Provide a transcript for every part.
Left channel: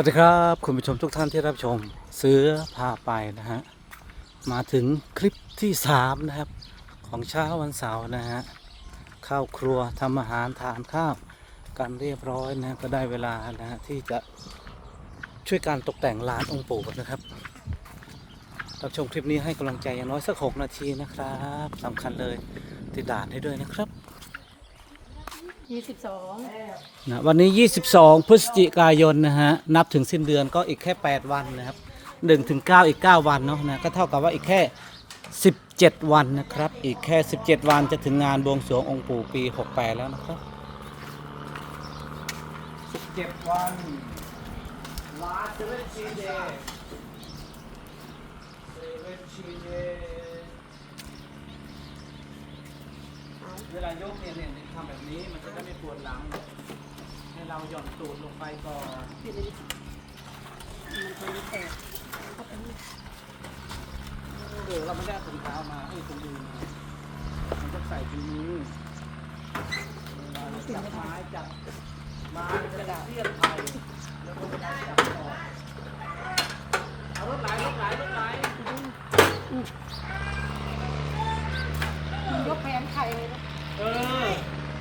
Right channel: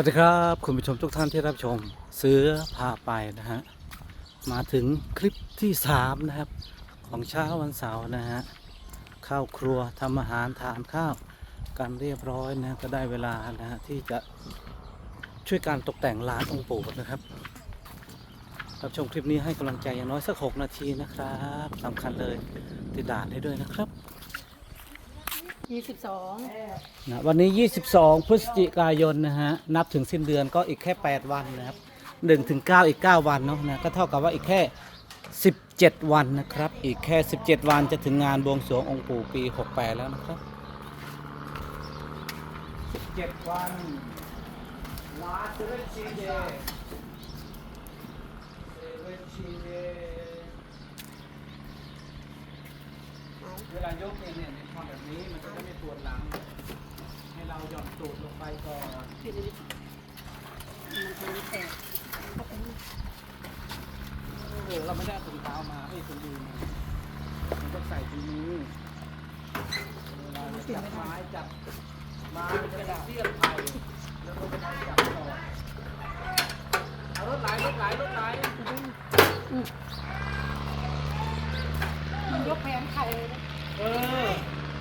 วัสดีครับ คุณผู้ชมทุกท่านที่รับชม เสือพาไปนะฮะ มาถึงคลิปที่สามนะครับ ของเช้าวันเสาร์นะฮะ ข้าวครัวทำอาหารทานข้าวกันเรียบร้อยนะก็ได้เวลานะฮะที่จะช่วยการตกแต่งร้านองค์ปู่นะครับรับชมคลิปนี้ให้กำลังใจอย่างน้อยสักหกนาทีนะครับสำคัญเลยติดด่านให้ด้วยนะครับ ยี่สิบสองนะวันนี้ 22 พฤศจิกายนนะฮะ นับถึงสิ้นเดือนก็อีกแค่ 8 วันนะครับ1ถึง9อีก 9 วันเนาะนะ ก็เท่ากับว่าอีกแค่ 17 วันนะครับ อีกแค่ 17 วันจะถึงงานบวงสรวงองค์ปู่ปี 68 แล้วนะครับ 17 วันลาเซเว่นชีเดเซเว่นชีเด เวลายกเนี่ยเนี่ยทำแบบนี้มันจะได้ไม่ปวดหลัง ให้เราหย่อนตูดลงไปก่อนผิดเลยดิมันคงแตกเออเราไม่ได้เอาถุงเท้ามาเอ้ยถุงมือมามันต้องใส่ถุงมือเวลาเราจับไม้จับไม้กระดาษเทียบไทยแล้วก็เวลาจับต่อเอารถไหลรถไหลรถไหล มันยกแผงไข่เลยนะ เออ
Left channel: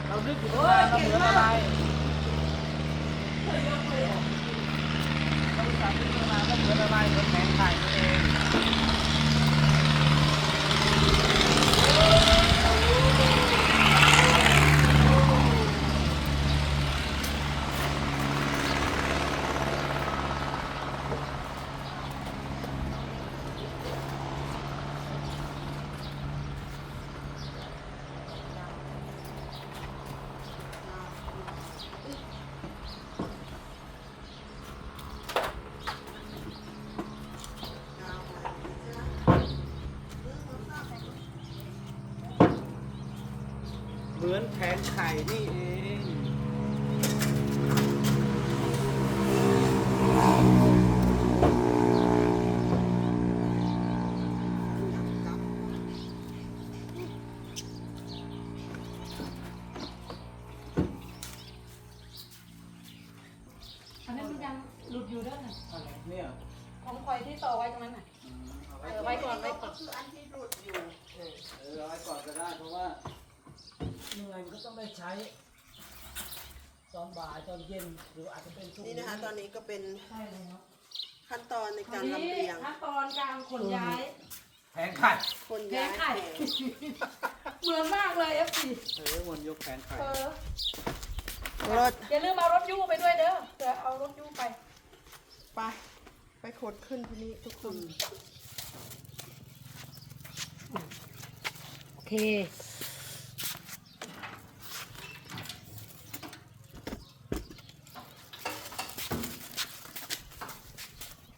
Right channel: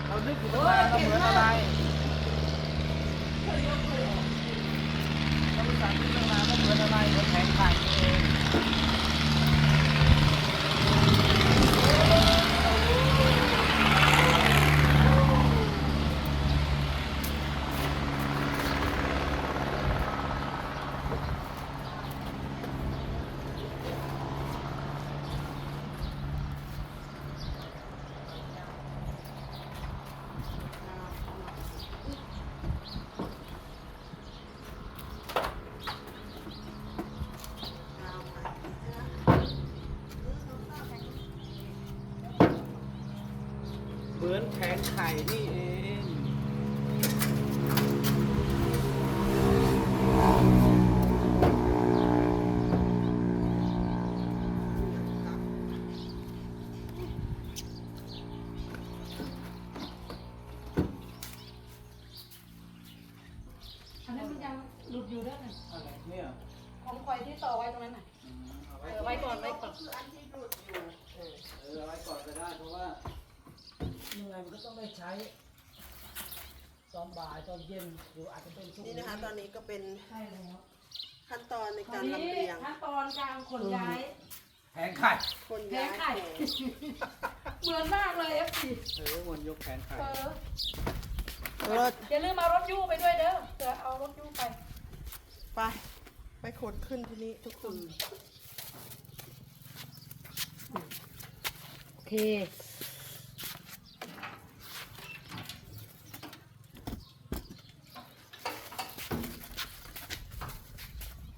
เรานึกอยู่ว่าเราเหมือนอะไรเราจับที่มาก็เหมือนอะไรเหมือนแผงไข่นี่เอง เหมือน แผงไข่นี่เองอันนั้นมันยังหลุดอยู่ด้วยนะอะไรเนี่ยของคอยที่ต่อไว้ตรงนั้นน่ะ อืมเอาเอไว้อไว้ก่อนไว้ก่อนเออเอาไว้ก่อนก็ได้เพราะว่า เหนื่อยมันก็ต้องได้ใช้ ตอนบ่ายตอนเย็นหรืออาจจะเป็นช่วงนี่นะคะ ตอนนี้ก็เป็นใช่เลยเนาะขั้นตอนในตอกานรนี้ลำเลียงขั้นตอนการขนย้าย แผงไข่คนแผย้างยไข่ แผงเหมือนมากเลยเอฟซีเออมันยกแผงไข่เออรถอย่าลืมเอารถยูไปด้วยเด้อเดี๋ยวเอารถยูไป ไป ไปขนขึ้นที่นี้ทุกคนโอเค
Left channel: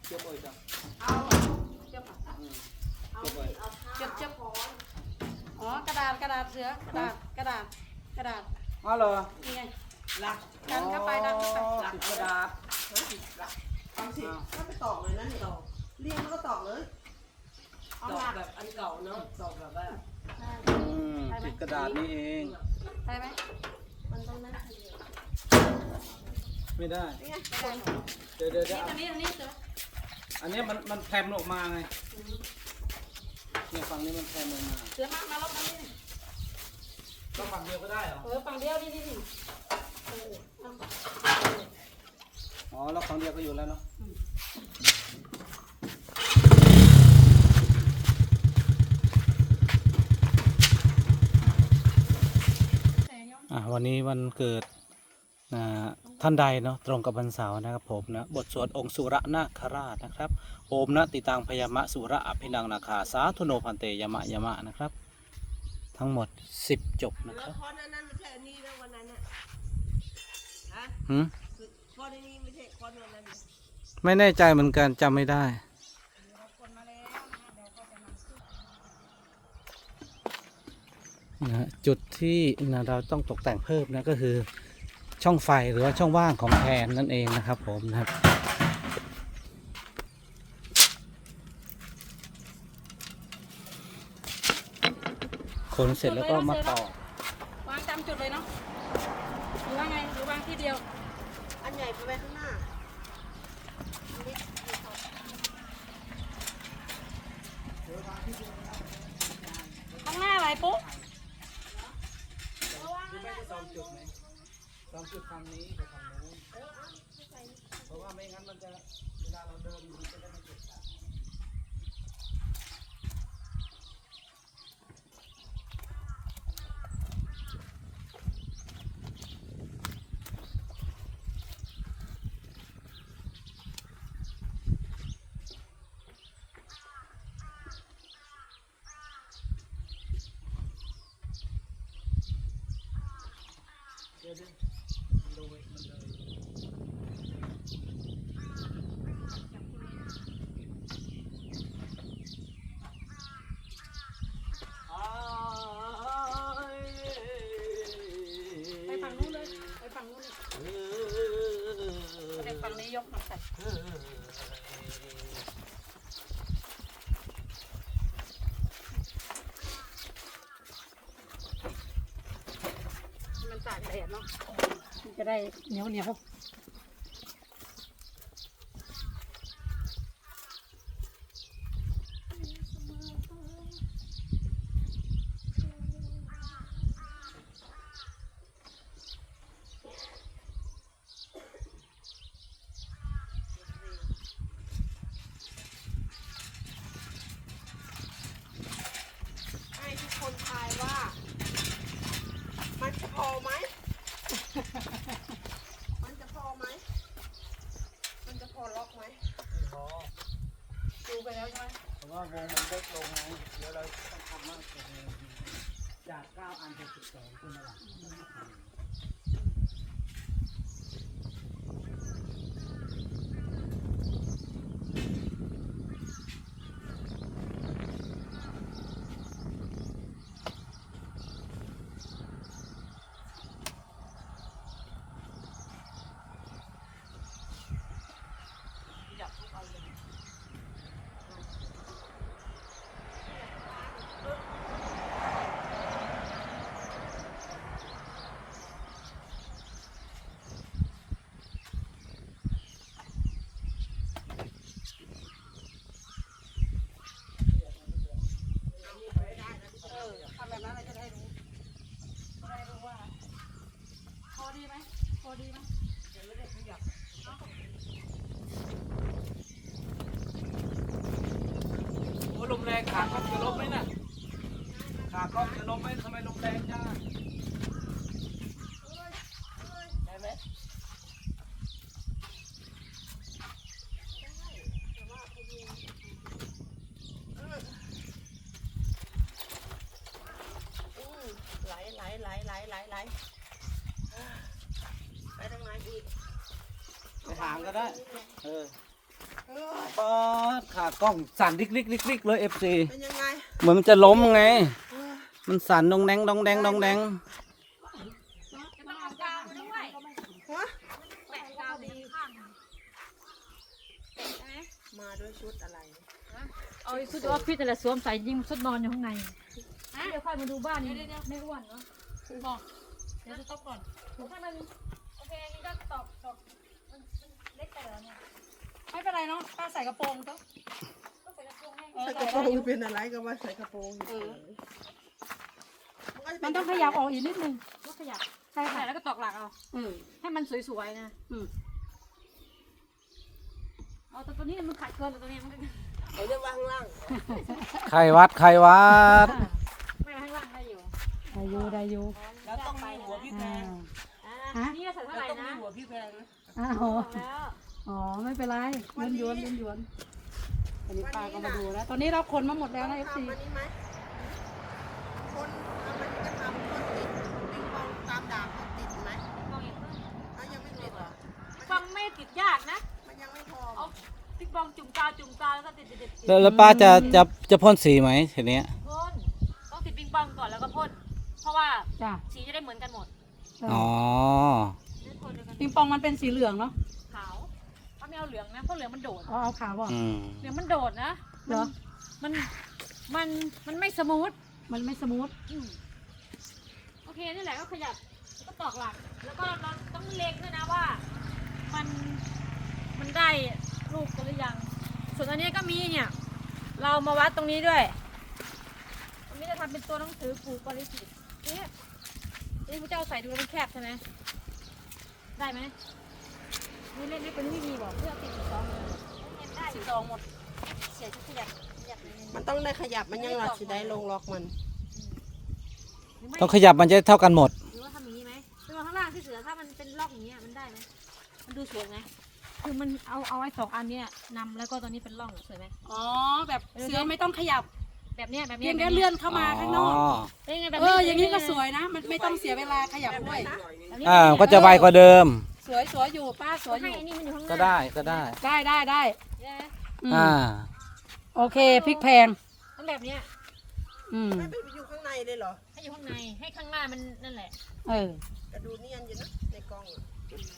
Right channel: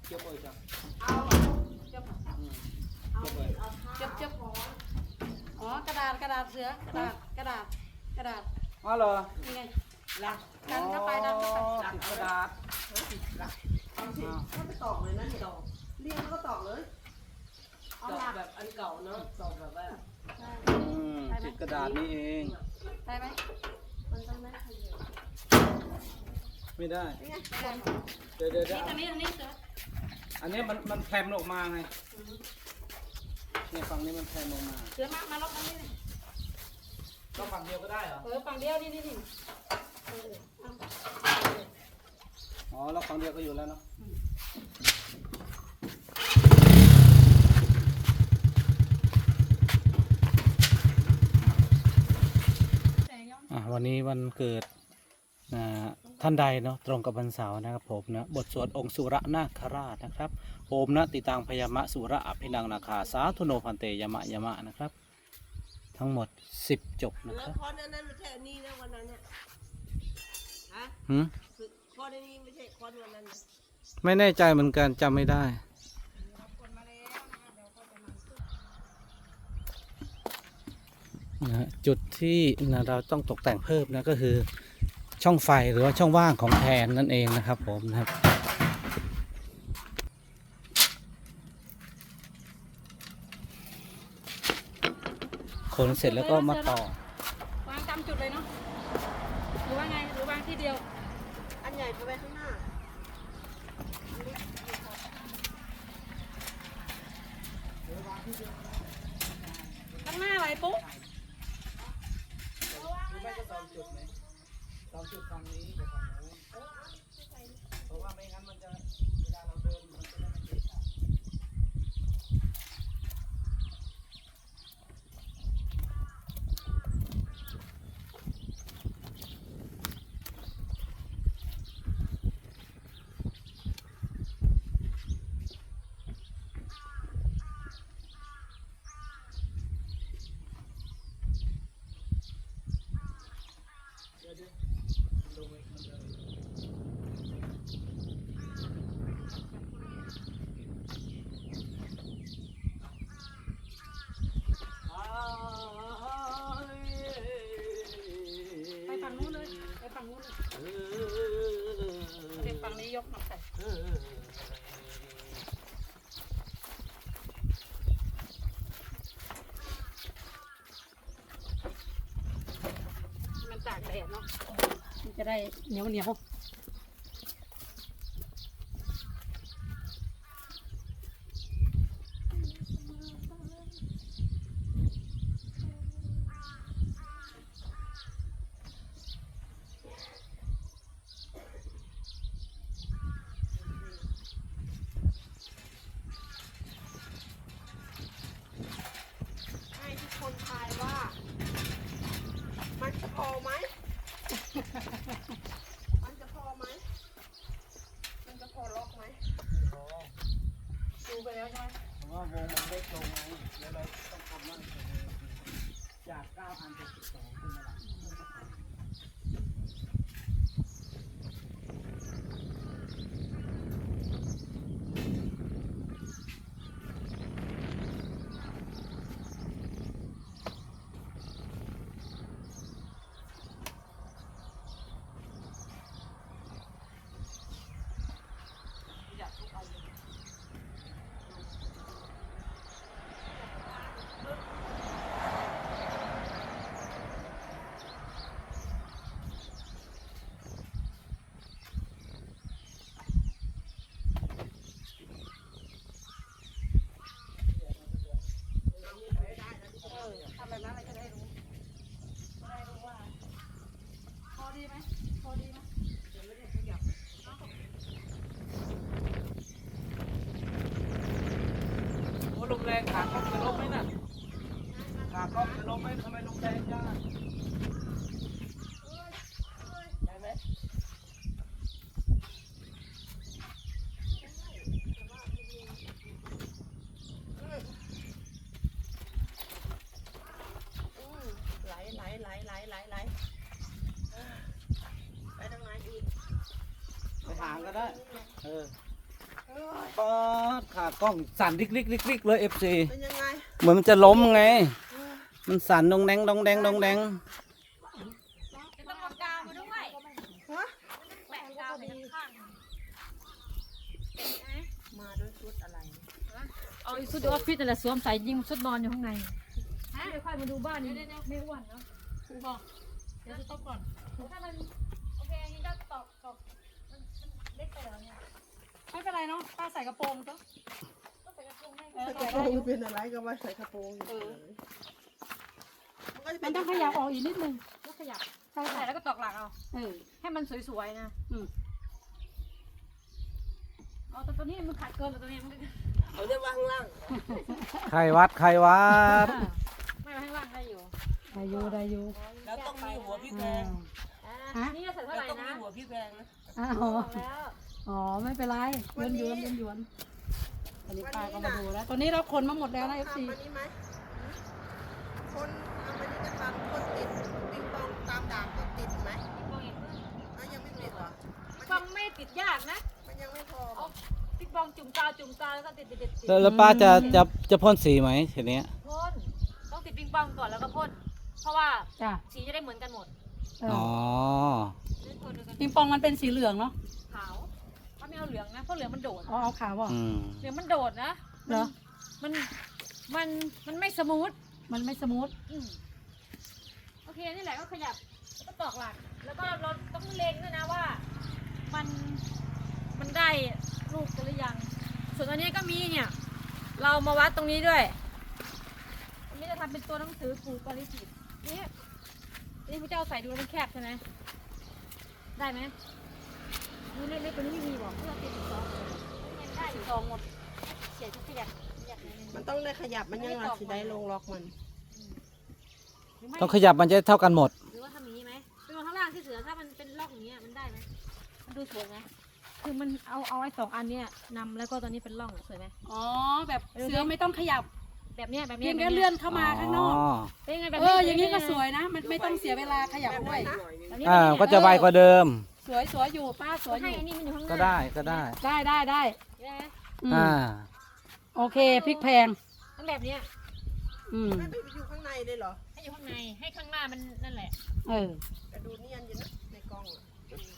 เกี่ยวเลยจ้ะ เอาเจ็บ อืมเกี่ยวเลย เจ็บเจ็บอ๋อกระดาษกระดาษ เสือกระดาษกระดาษกระดาษอ๋อเหรอนี่ไงละดันเข้าไปดันเข้าไปอ๋อติดกระดาษฟังสิไม่ไปตอกเลยนะนี่เรียงแล้วก็ตอกเลยตอกแบบอันเก่าเนาะตอกแบบว่าอืมติดกระดาษนี่เองได้ไหมมันต้องนั่นไม่ได้ไม่ได้เดี๋ยวเดี๋ยวเดี๋นี่ยวอันนี้อันนี้เสืออันนี้มันมันแพรมออกมาไงเนี่ยฝั่งนี้มันแพรมออกมา เสือมามาลบอันนี้ ต้องฝั่งเดียวก็ได้เหรอ เออฝั่งเดียวนี่นี่นี่เออเอาอ๋อแล้วฝั่งเดียวก็อยู่แล้วเนาะอะวันนี้วันเกิดนะท่านใดเนาะตรงกับวันเสาร์นะครับผมนะบทสวดองค์สุรนาคราชนะครับโอมนะติตังพยามะสุระอภินังนาคาสาธุโนพันเตยมะยมะนะครับ ทั้งหมด10จบนะครับข้อนั้นไม่ใช่นี่นะวันนั้นเนี่ยหืมข้อนี้ไม่ใช่ข้อวันนั้นไม่แน่ใจเหมือนกันจำไม่ได้นะฮะจุดที่นะเราต้องตกแต่งเพิ่มนะก็คือช่องไฟหรือว่าช่องว่างของแทนนั่นเองนะครับผมนะครับ นเสร็จแล้วก็มาต่อ วางจำจุดเลยเนาะหรือว่าไงหรือวางที่เดียว อันใหญ่ไปไว้ข้างหน้าข้างหน้าอะไรปุ๊บหรือไม่ก็ตอนจุดไหมตอนจุดทางนี้ เดี๋ยวเดี๋ยวโดยมันเลยอ้าย ไปฝั่งนู้นเลยไปฝั่งนู้นเลย เอ เด็กฝั่งนี้ยกมาใส่ อ มันตากแดดเนาะมัน จะได้เหนียวเหนียว ให้ทุกคนทายว่า มันจะพอไหม มันจะพอไหม มันจะพอล็อกไหม พอ ดูไปแล้วใช่ไหม เพราะว่าวงมันเล็กลงไง เราต้องทำมากกว่าเดิมจาก9อันเป็น12ขึ้นมาละเออทำแบบนั้นเลยจะได้รู้จะได้รู้ว่าพอดีไหมพอดีไหม โอ้ลมแรงขาจะลมไหมน่ะขากล้องจะลมไหมทำไมลมแรงจังอะได้ไหม อืมไหลไหลไหล ไหลไหลไหลอ่าไปทางไหนอีกไปหางก็ได้ เออเหนื่อยป๊าดขากล้องสั่นริกริกริกริกเลย FC เป็นยังไงเหมือนมันจะล้มไง มันสั่นดองแดงดองแดงดองแดงฮะแปะกาวไปข้างมาด้วยชุดอะไรเอาชุดออฟฟิศอะไรสวมใส่ยิงชุดนอนอยู่ข้างในเดี๋ยวค่อยมาดูบ้านนี้ไม่อ้วนเนาะบอก เดี๋ยวจะตบก่อน ถ้ามันโอเคนี่ก็ตอกตอกมันมันเล็กไปแล้วเนี่ยไม่เป็นไรเนาะป้าใส่กระโปรงก็ก็ใส่กระโปรงให้เออใส่กใส่ระโปได้รงเป็นอะไรก็ว่าใส่กระโปรงอยู่เฉยก็จะเป็มันต้องขยับออกอีกนิดนึงก็ขยับใส่ใส่แล้วก็ตอกหลักเอา เออให้มันสวยๆนะ อืมเอาตัวตัวนี้มันขาดเกินแล้วตัวนี้มันก็ ไอ้เรื่องว่าข้างล่างไข่วัดไข่วัด ไม่ให้ล่างได้อยู่ ได้อยู่ได้อยู่แล้วต้องมีหัวพี่แพอ่างอ่านี่ใส่เท่าไหร่ต้องนะมีหัวพี่แพงนะอ้าวบอกแล้วอ๋อไม่เป็นไรยืนยวนยืนยวนอันนี้ป้าก็มาดูแล้วตอนนี้เราคนมาหมดแล้วต้องนะเอฟซีทำอันนี้ไหมคนทำอันนี้ก็ทำคนติดปิงปองตามดาบก็ติดไหมมองอย่างเพื่อนเอายังไม่ติดเหรอฟังไม่ติดยากนะ มันยังไม่พอเอาติ๊กบองจุ่มกาวจุ่มกาวแล้วก็ติดติดติดติดแล้วแล้วป้าจะจะจะพ่นสีไหมทีเนี้ยพ่นต้องติดปิงปองก่อนแล้วก็พ่นเพ ราะว่าจ้ะสีจะได้เหมือนกันหมดอ๋อเล่นคนเดียวกันปิงปองมันเป็นสีเหลืองเนาะขาวถ้าไม่เอาเหลืองนะเพราะเหลืองมันโดดอ๋อเอาขาวบ่อืม เหลืองมันโดดนะเหรอมันมันมันไม่สมูทมันไม่สมูทอืมโอเคนี่แหละก็ขยับแล้วก็ตอกหลัก แล้วก็เราต้องเล็งด้วยนะว่า มันมันได้ลูกกันหรือยัง ส่วนอันนี้ก็มีเนี่ย เรามาวัดตรงนี้ด้วยมันเป็นตัวหนังสือปู่ปริจิต เนี่ยนี่พระเจ้าใส่ดูมันแคบใช่ไหมได้ไหมนี่เล็กๆตัวนี้ไม่มีบอกเพื่อติดสองหมดเลยบอกเห็นได้อยู่สองหมดเสียจะขยับขยับในนี้มันต้องได้ขยับมันยังหลักสิได้ลงล็อกมัน หรือไม่ต้องขยับมันจะเท่ากันหมด หรือว่าทำอย่างนี้ไหมเป็นข้างล่างที่เสือถ้ามันเป็นล็อกอย่างเงี้ยมันได้ไหมมันดูสวยไหมคือมันเอาเอาไอ้สองอันเนี้ยนำแล้วก็ตอนนี้เป็นร่องอะสวยไหมอ๋อแบบเสือไม่ต้องขยับ แบบเนี้ยแบบเพีเนี้ยยงแบบแค่เนี้ยเลื่อนเข้ามาข้างนอกเป็นไงแบบเอนี้ออย่างนี้ก็เป็ไสวยนะมันไม่ต้องเสียเวลาขยับด้วย แบบนี้อ่าแบบนี้ก็จะไวกว่าเดิม สวยสวยอยู่ป้าสวยอให้ยู่ไอ้นี่มันอยู่ข้างหน้าก็ได้ก็ได้ ได้ได้ได้ใช่ไหมอืมอ่า โอเคพริกแพงต้องแบบเนี้ยอืมไม่ไปอยู่ข้างในเลยเหรอให้อยู่ข้างในให้ข้างหน้ามันนั่นแหละเออแต่ดูเนียนอยู่นะในกล้อง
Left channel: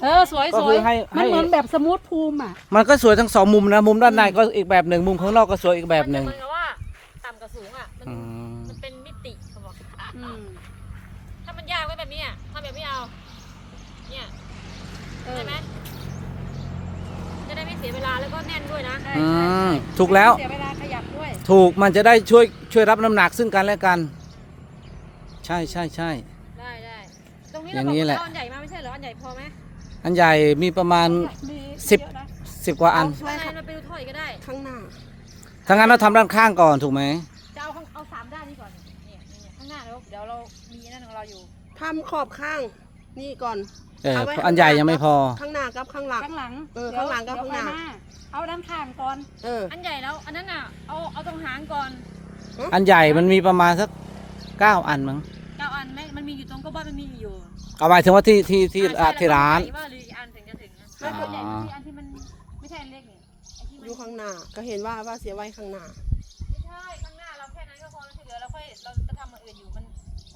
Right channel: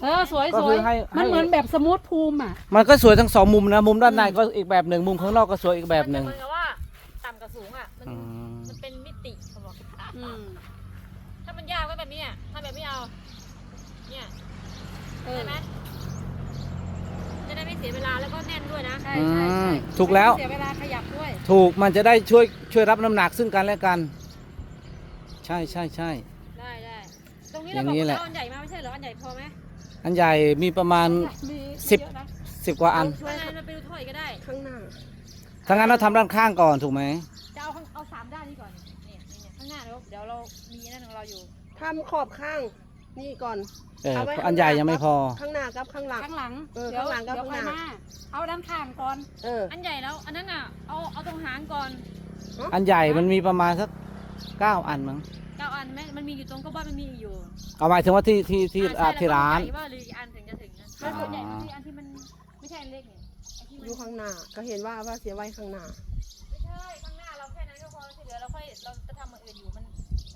เออสวยก็สคืวยอให้ให้ มันเหมือนแบบสมูทภูมิอะมันก็สวยทั้งสองมุมนะ มุมด้านในก็อีกแบบหนึ่งมุมข้างนอกก็สวยอีกแบบหนึ่งมันจะเหมือนกับว่าต่ำกับ สูงอะ มันอืมมันเป็นมิติเขาบอก อืมถ้ามันยากไว้แบบนี้อะถ้าแบบไม่เอา เนี่ยเออใช่ไหมจะได้ไม่เสียเวลาแล้วก็แน่นด้วยนะ ใช่อืใช่มใช่ถูกแล้ว เสียเวลาขยับด้วยถูกมันจะได้ช่วยช่วยรับน้ำหนักซึ่งกันและกัน ใช่ใช่ใช่ ได้ได้ตรงนี้อเราย่างบอกนี้แหละ ว่าเอาอันใหญ่มาไม่ใช่เหรออันใหญ่พอไหมอันใหญ่มีประมาณ มีสิบ เยอะนะสิบกว่าอันข้างในเราไปดูถ้อยก็ได้ข้างหน้า ถ้างั้นเราทำด้านข้างก่อนถูกไหม ทำขอบข้างนี่ก่อนเออเอาไว้อันใหญ่ยังไม่พอ ข้างหน้ากับข้างหลัง ข้างหลังเออดี๋ยวข้างหลังกับเดี๋ยวข้างหน้าค่อยเอาด้านข้างก่อน เออ อันใหญ่แล้วอันนั้นอะเอาเอาตรงหางก่อนอันใหญ่มันมีประมาณสักเก้าอันมั้งเก้าอันไหมมันมีอยู่ตรงก็บ้านมันมีอยู่เอาหมายถึงว่าที่ที่ที่อ่าอ่าใช่ที่ร้าน แล้วก็ว่าหรือกี่อันถึงจะถึงนะอ๋อไม่ใหญ่ที่อันที่มันไม่ใช่อันเล็กนี่ไอ้ที่อมันยู่ข้างหน้า ก็เห็นว่าว่าเสียไว้ข้างหน้า ไม่ใช่ข้างหน้าเราแค่นั้นก็พอแล้วที่เหลือเราค่อยเราจะทำอย่างอื่นอยู่มัน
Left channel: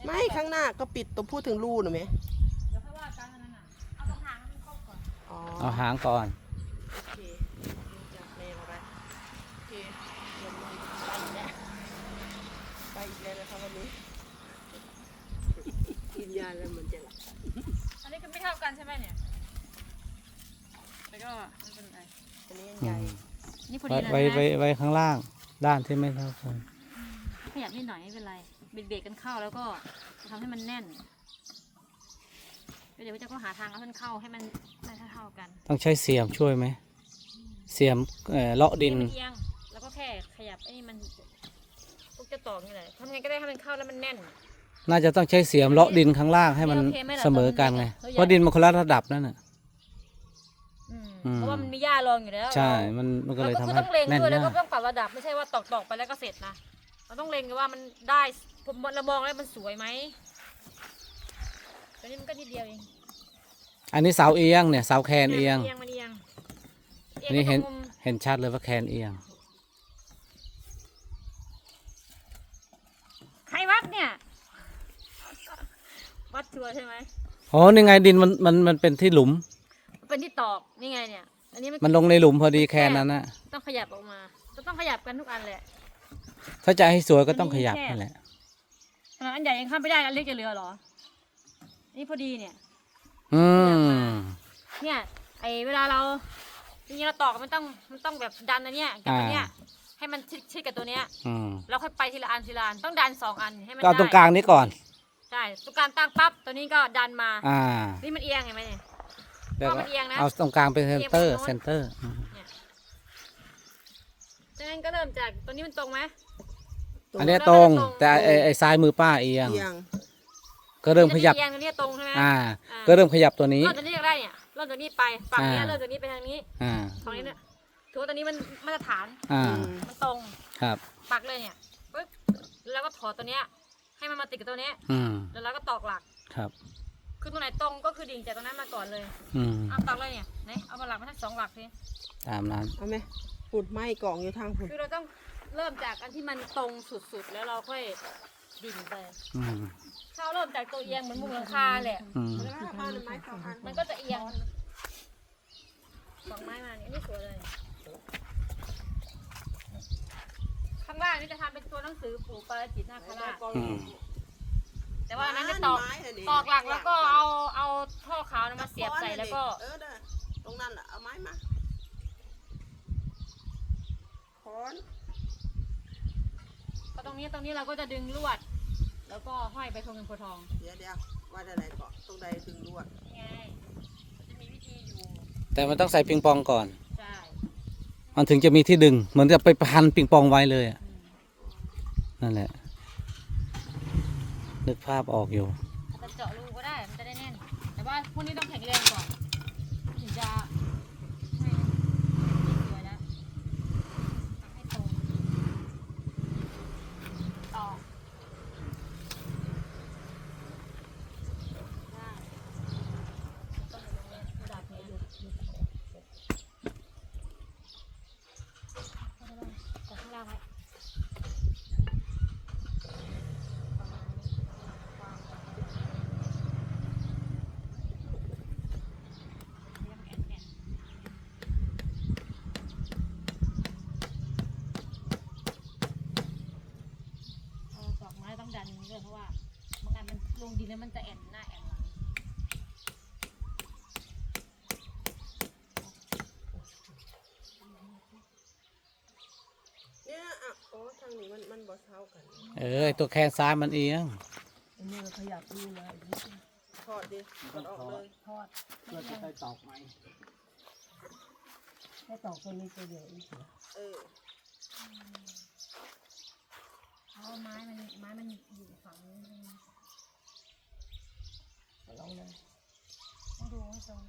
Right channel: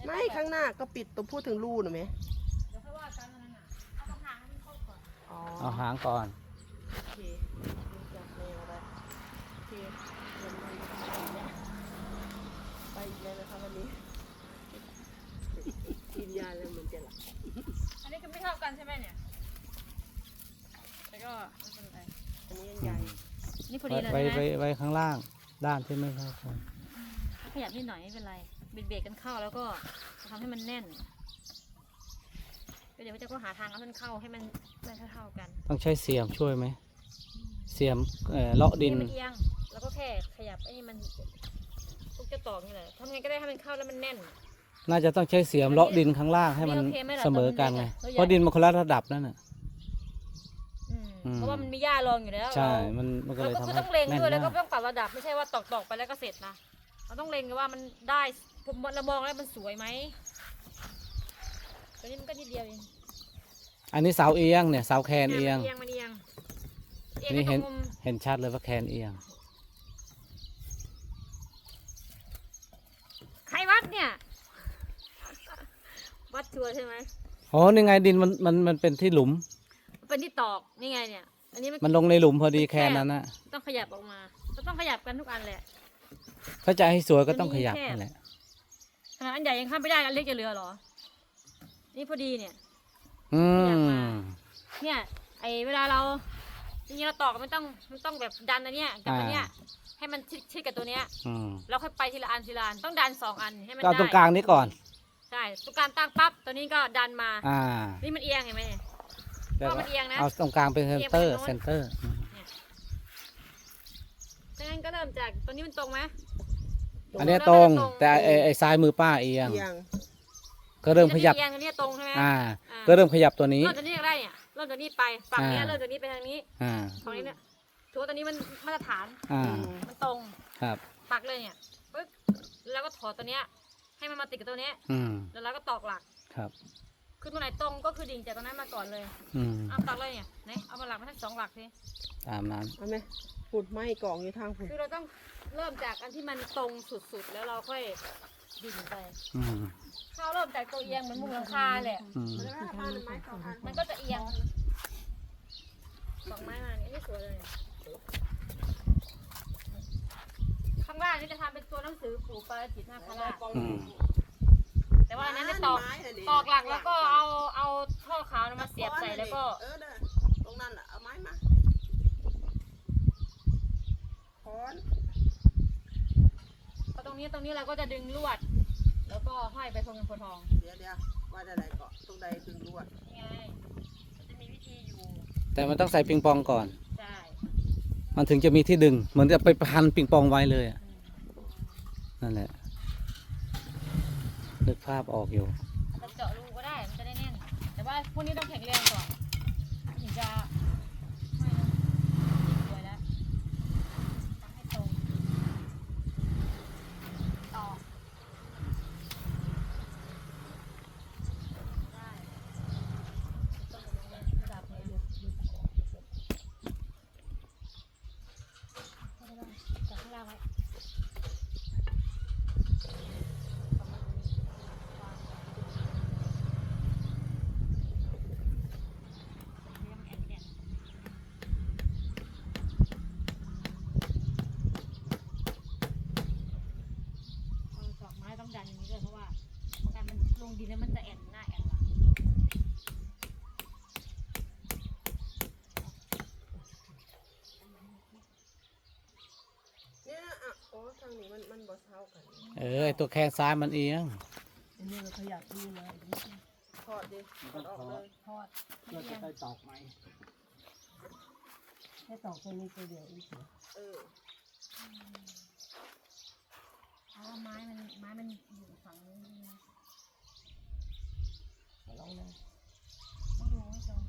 ไม่ข้างหน้าก็ปิดตัวพูดถึงรูหน่อยไหมเดี๋ยวค่อยว่ากันอันนั้นน่ะเอาตรงหางให้มันเข้าก่อนอ๋อเอาหางก่อน โอเคแนวอะไรโอเคเดี๋ยวมันไปอีกแล้วไปอีกแล้วนะครับวันนี้กินยาแล้วเหมือนจะหลับอันนี้คือไม่เท่ากันใช่ไหมเนี่ยแต่ก็ไม่เป็นไรอันนี้อืใหญ่มนี่พอไว้ดีเลยไว้นะไว้ไว้ข้างล่าง ด้านที่ไม่เท่ากันขยับนิดหน่อยไม่เป็นไร เบียดเบียดกันเข้าแล้วก็ทำให้มันแน่นเดี๋ยวพระเจ้าก็หาทางเอาท่านเข้าให้มันได้เท่าๆกัน ต้องใช้เสียมช่วยไหมเสียมเอ่อเลาะดินมันเอียงแล้วก็แค่ขยับไอ้นี่มันลูกจะตอกนี่แหละทำไงก็ได้ให้มันเข้าแล้วมันแน่น น่าจะต้องใช้เสียมเลาะดินข้างล่างให้มันโอเคไหมล่ะเสมอกันไงตัวใหญ่เพราะดินมันคนละระดับนั่นน่ะอืมอืมเพราะว่ามันมีหญ้ารองอยู่แล้วใช่เรามันมันก็เราเลยก็ทำคือให้ต้องเล็งแน่นด้วยแล้วก็มากต้องปรับระดับไม่ใช่ว่าตอกตอกๆไปแล้วก็เสร็จนะเราต้องเล็งกันว่ามันได้ ผมเรามองแล้วมันสวยไหมตัวนี้มันก็นิดเดียวเองอันนี้เสาเอียงเนี่ยเสาแคนเอียงมันเอียงมันเอียงเอียงนี่ไปตรเห็นงมุมเห็นชัดเลยว่าแคนเอียง ใครวัดเนี่ย วัดชัวร์ใช่ไหมโอ้นี่ไงดินมันมันมันเป็นที่หลุม เป็นที่ตอกนี่ไงเนี่ย อันนี้มันมันลงในหลุมพอดีแคนนั้นนะต้องขยับออกมา ก็ต้องขยับกันทุกอันแหละถ้าจะให้สวยก็ต้องมันขมียับแค่นั่นแหละ ขนาดอันใหญ่ยังข้ามไม่ได้อันเล็กจะเหลือเหรอ นี่พอดีเนี่ย อือยากมมาเนี่ยไอเวลาเราจริงๆเราตอกมันต้องมันต้องแบบดันอันเนี้ยกับอันเนี้ยให้มันชิดชิดกับตัวเนี้ยอืมแล้วค่อยไปทีละอันทีละอันต้องดันสองอันให้มันก็เอาตรงได้กลางนี้ก่อน ใช่ตรงกลางตั้งปั๊บตัวนี้ก็ดันมา อ่านี่มันเอียงเห็นไหมเนี่ย เดี๋ยวก็มันเอียงนะเอาตรงกลางเป็นเซนเตอร์เอียงไปทางโน้น เซนเตอร์อืมดังนั้นก็เริ่มจากตัวนี้มันตรงไหม อันเนี้ยตรง แต่ไอ้ไอ้ซ้ายมือป้าเอียง เอียงก็เริ่มขยับ เอียงตัวนี้ตรงใช่ไหมอ่าอ่า ก็เริ่มขยับตัวนี้ เริ่มจากนี้ก็ได้เนี่ยเริ่มจากนี้ไปฝั่งเนี้ยอ่า เริ่มจากนี้ไปทางนี้อ่า ฝั่งนี้เนี่ยถือว่าตัวนี้มันมาตรฐานอ่า มันตรงครับ ปักเลยเนี่ยปึ๊บแล้วก็ถอดตัวเนี้ยให้มันมาติดกับตัวเนี้ยอืม แล้วเราก็ตอกหลัก ครับ คือตัวไหนตรงก็คือดิ่งจากตรงนั้นมาก่อนเลยอืม เอาตอกเลยเนี่ยไหนเอามาหลักมาทั้งสองหลักสิตามนั้นเอาไหมขุดไม้กล่องอยู่ทางผมคือเราต้อง เริ่มจากอันที่มันตรงสุดๆ แล้วเราค่อยดิ่งไปอืมถ้าเราเริ่มจากตัวเอียงเหมือนมุมหลังคาแหละ อืมมันก็จะเอียงดอกไม้มาเนี่ยอันนี้สวยเลย ข้างล่างนี่จะทำเป็นตัวหนังสือปู่ปาราจิตนาคราชอืมแต่ว่าอันนั้นจะตอกตอกหลักแล้วก็เอาเอาท่อขาวนะมาเสียบใส่แล้วก็ เออเด้อตรงนั้นแหละเอาไม้มาค้อนพอ ตรงนี้ตรงนี้เราก็จะดึงลวด แล้วก็ห้อยไปทงเงินโพธิ์ทองเดี๋ยวเดี๋ยวว่าจะไหนเกาะตรงใดถึงลวดนี่ไงมันจะมีวิธีอยู่แต่มันต้องใส่ปิงปองก่อน ใช่มันถึงจะมีที่ดึง เหมือนจะไปพันปิงปองไว้เลยอะอืมนั่นแหละ นึกภาพออกอยู่อาจจะเจาะรูก็ได้มันจะได้แน่น แต่ว่าพวกนี้ต้องแข็งแรงก่อนถึงจะไม่นี่สวยแล้วทำให้ตรงต่อได้ต้องอยู่ตรงนี้ระดับนี้เอาได้บ้างจับข้างล่างไว้ ประมาณนี้ประมาณความเรียกมันแอนแอนเออดอกไม้ต้องดันอย่างนี้ด้วยเพราะว่าบางอันมันล งดินแล้วมันจะแอนหน้าแอนหลังเนี่ยอะโอ้ทางนี้มันมันบ่เท่ากันเออไอ้ตัวแข้งซ้ายมันเอียงอันนี้เราขยับนี่มาอีกนิดนึงทอดดิทอดออกเลยทอดไม่เพื่อเอีจะยงไปตอกไหมแค่ตอกตัวนี้ตัวเดียวอีกเหรอเอออ๋อไม้มันไม้มันอยู่ฝั่งนี้ใช่ไหม ขอลองนะต้องดูให้ตรง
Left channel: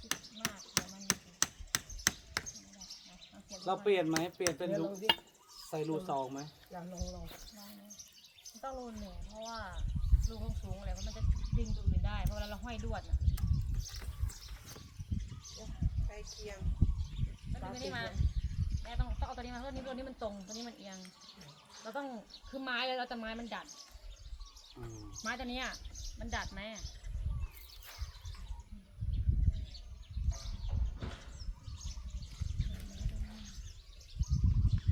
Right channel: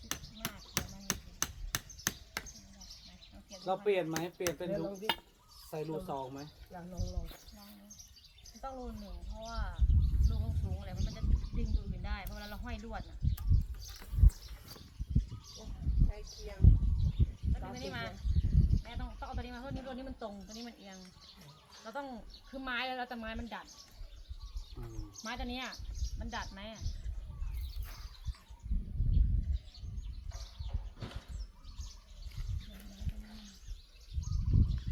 คิดมากเดี๋ยวมันไม่ได้นะลองเสียบดูเราก่อนเปลี่ยนไหมเปลี่ยนเป็นเดี๋ยวรูลองดิใส่รูซองไหมลองลองลองลองนะมันต้องรูหนึ่งเพราะว่ารูต้องสูงอะไรเพราะมันจะดึงตัวอื่นได้ เพราะเวลาเราห้อยลวดน่ะใกล้เคียงแล้วดึงตัวนี้มาแม่ต้องต้องเอาตัวนี้มาเพราะตัวนี้ตัวนี้มันตรงตัวนี้มันเอียง เราต้องคือไม้แล้วเราแต่ไม้มันดัด อืมไม้ตัวเนี้ยมันดัดไหมอะ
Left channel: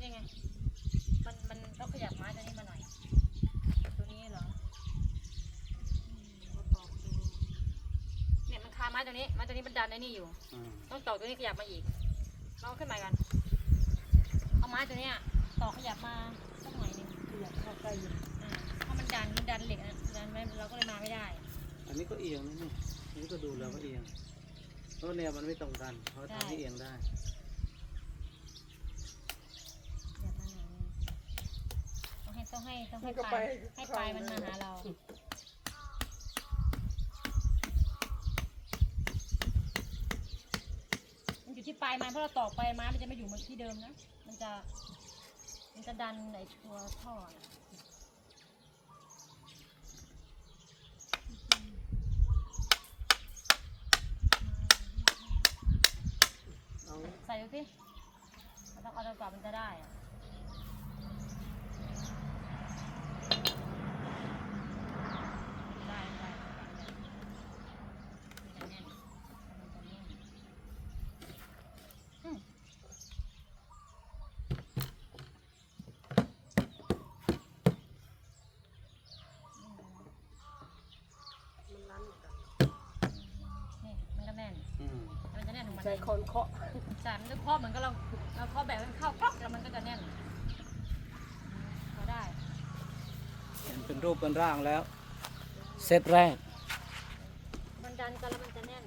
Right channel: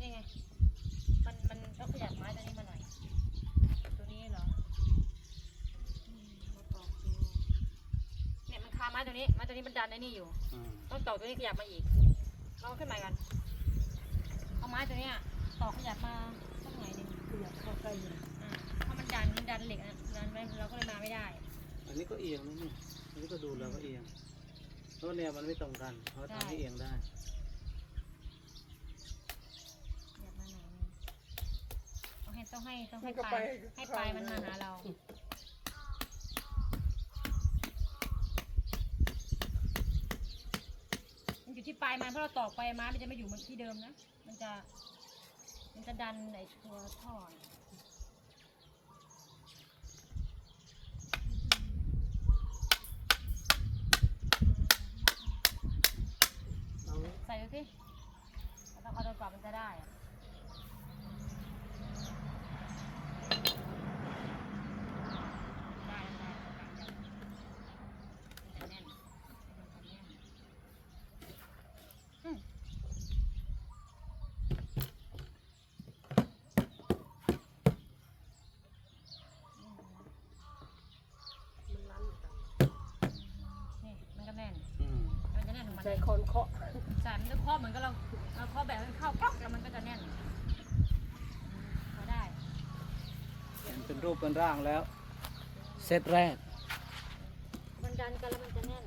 นี่ไง มันมันต้องขยับไม้ตัวนี้มาหน่อย ตัวนี้เหรออืมเราตอกดูเนี่ยมันคาไม้ตัวนี้ไม้ตัวนี้มันดันไอ้นี่อยู่ อืมต้องตอกตัวนี้ขยับมาอีกลองขึ้นมากัน เอาไม้ตัวเนี้ยตอกขยับมา สักหน่อยหนึงขยับเข้าใกล้อยู่อ่าถ้ามันดันมันดันเหล็กนะดันไว้เราก็เลยมาไม่ได้ อันนี้ก็เอียงนะเนี่ยอันนี้ก็ดูแล้วว่าเอียง เพราะแนวมันไม่ตรงกันเขาทำให้เอียงได้ขยับมาหน่อยนึงต้องให้ต้องให้ต้องให้ปลายให้ปลายมันมาหาเรา มันอยู่ที่ปลายไม้เพราะเราตอกปลายไม้มันจะไม่อยู่เหมือนที่เดิมนะ มันจะ มันจะดันไอตัวท่อเนี่ยเอาใส่ดูสิเราต้องเอาจนกว่ามันจะได้อะได้ได้ได้ได้ได้มันจะแน่นมันจะแน่นอืม มันรั้นกัน นี่มันก็แน่น อืม มันจะแน่นของมันใช้เองคนเคาะใช่มันจะเคาะเหมือนกับเราเราเคาะแบบให้มันเข้ากล็อกแล้วมันก็จะแน่นพอได้เป็นรูปเป็นร่างแล้ว เซตแรก มันดันกันแล้วมันจะแน่น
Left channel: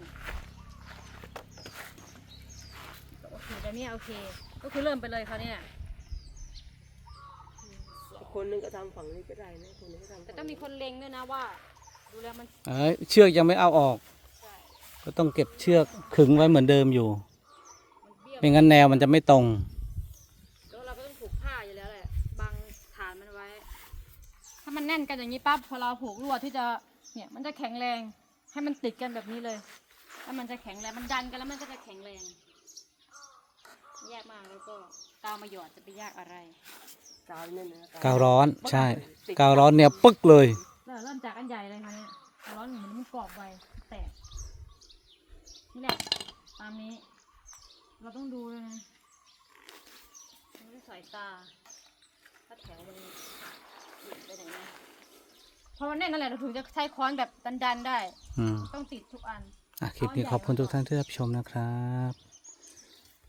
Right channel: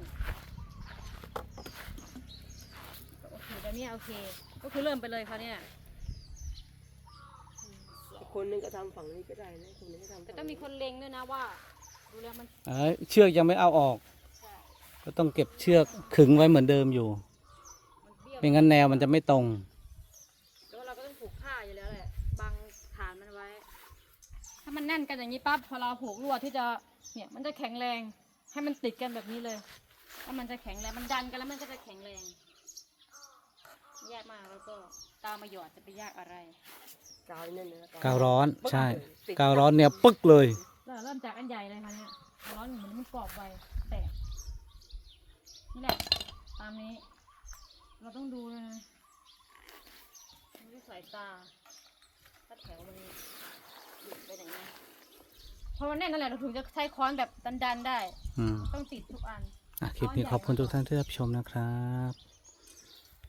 โอเคแต่เนี่ยโอเค ก็คือเริ่มไปเลยเขาวเนี่ยคนหนึงก็ทำฝั่งนี้ก็ได้นะคนหนึงก็ทำแต่ต้องมีคนเล็งด้วยนะว่า ดูแล้วมัน เอ้ยเชือกยังไม่เอาออก ก็ต้องเก็บเชือกขึงไว้เหมือนเดิมอยู่มันเบี้ยวไม่งั้นแนวมันจะไม่ตรง แล้วเราก็ต้องผูกผ้าอยู่แล้วแหละบังฐานมันไว้ ถ้ามันแน่นกันอย่างนี้ปั๊บพอเราผูกลวดที่จะเนี่ยมันจะแข็งแรงให้มันติดกันแบบนี้เลยแล้วมันจะแข็งแรงมันดันกันแล้วมันก็จะแข็งแรงยากมากแล้วก็ตามมาหยอดจะไปยากอะไรกาวนี่นะกาวร้อนใช่กาวร้อนเนี่ยปึ๊กเลย เราเริ่มจากอันใหญ่เลยค่ะเนี่ยร้อนเหมือนมันกรอบไวแตก นี่แหละ ตามนี้ เราต้องดูเลยนะดูด้วยสายตาถ้าแถวมันหยุดไปไหนนะพอมันแน่นนั่นแหละเราถึงจะใช้ค้อนแบบดันๆได้ อืมต้องติดทุกอัน อะคลิปนี้ขอบคุณทุกท่านที่รับชมนะครับ